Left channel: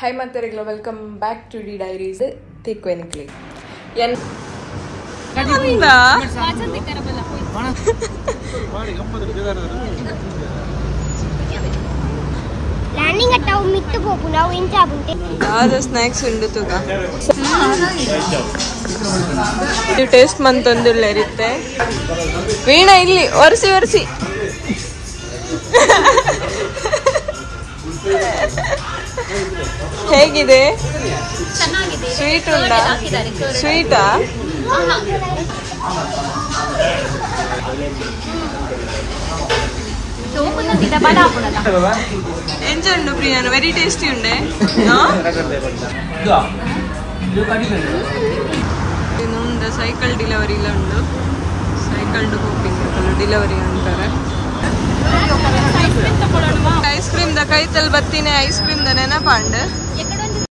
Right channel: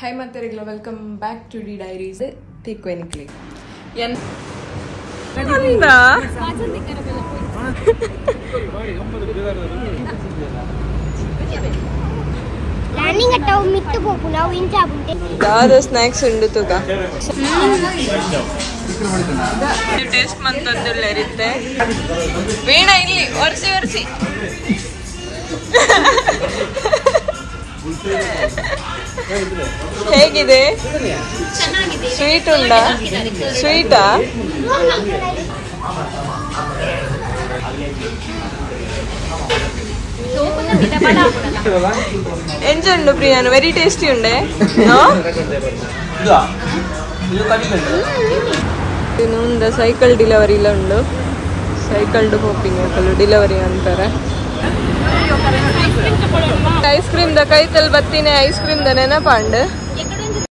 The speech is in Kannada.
Hi Mantaregla, welcome back to D Diaries. Take clinically. Landing at our mid to Popula in Tabunte. The snacks undu tuga. You taste mantandu lerite. Veena illi orsi. ಹೇಗಿದೆ ಸ್ವೀಟ್ ಉಂಟಾ ಸ್ವೀಟಾ ಎಂಜುಂಡು ಪ್ರಿಯಾನು ವೆರಿ ಟೇಸ್ಟಿ ಉಂಡೆ ಇನ್ನು ಸೈಕಲ್ ಡೆಲಿವರಿ ಇಲ್ಲ ಉಂಡು ಸೈಕಲ್ ಹೋಪಿಂಗ್ ಡೆಲಿವರಿ ಅಂತಾರೆ ಐಸ್ ಕ್ರೀಮ್ ದ ಕೈತಲ್ ಬತ್ತೀನಿ ಐಸ್ ಕ್ರೀಮ್ ದ ನೆನಪಾಂಡ್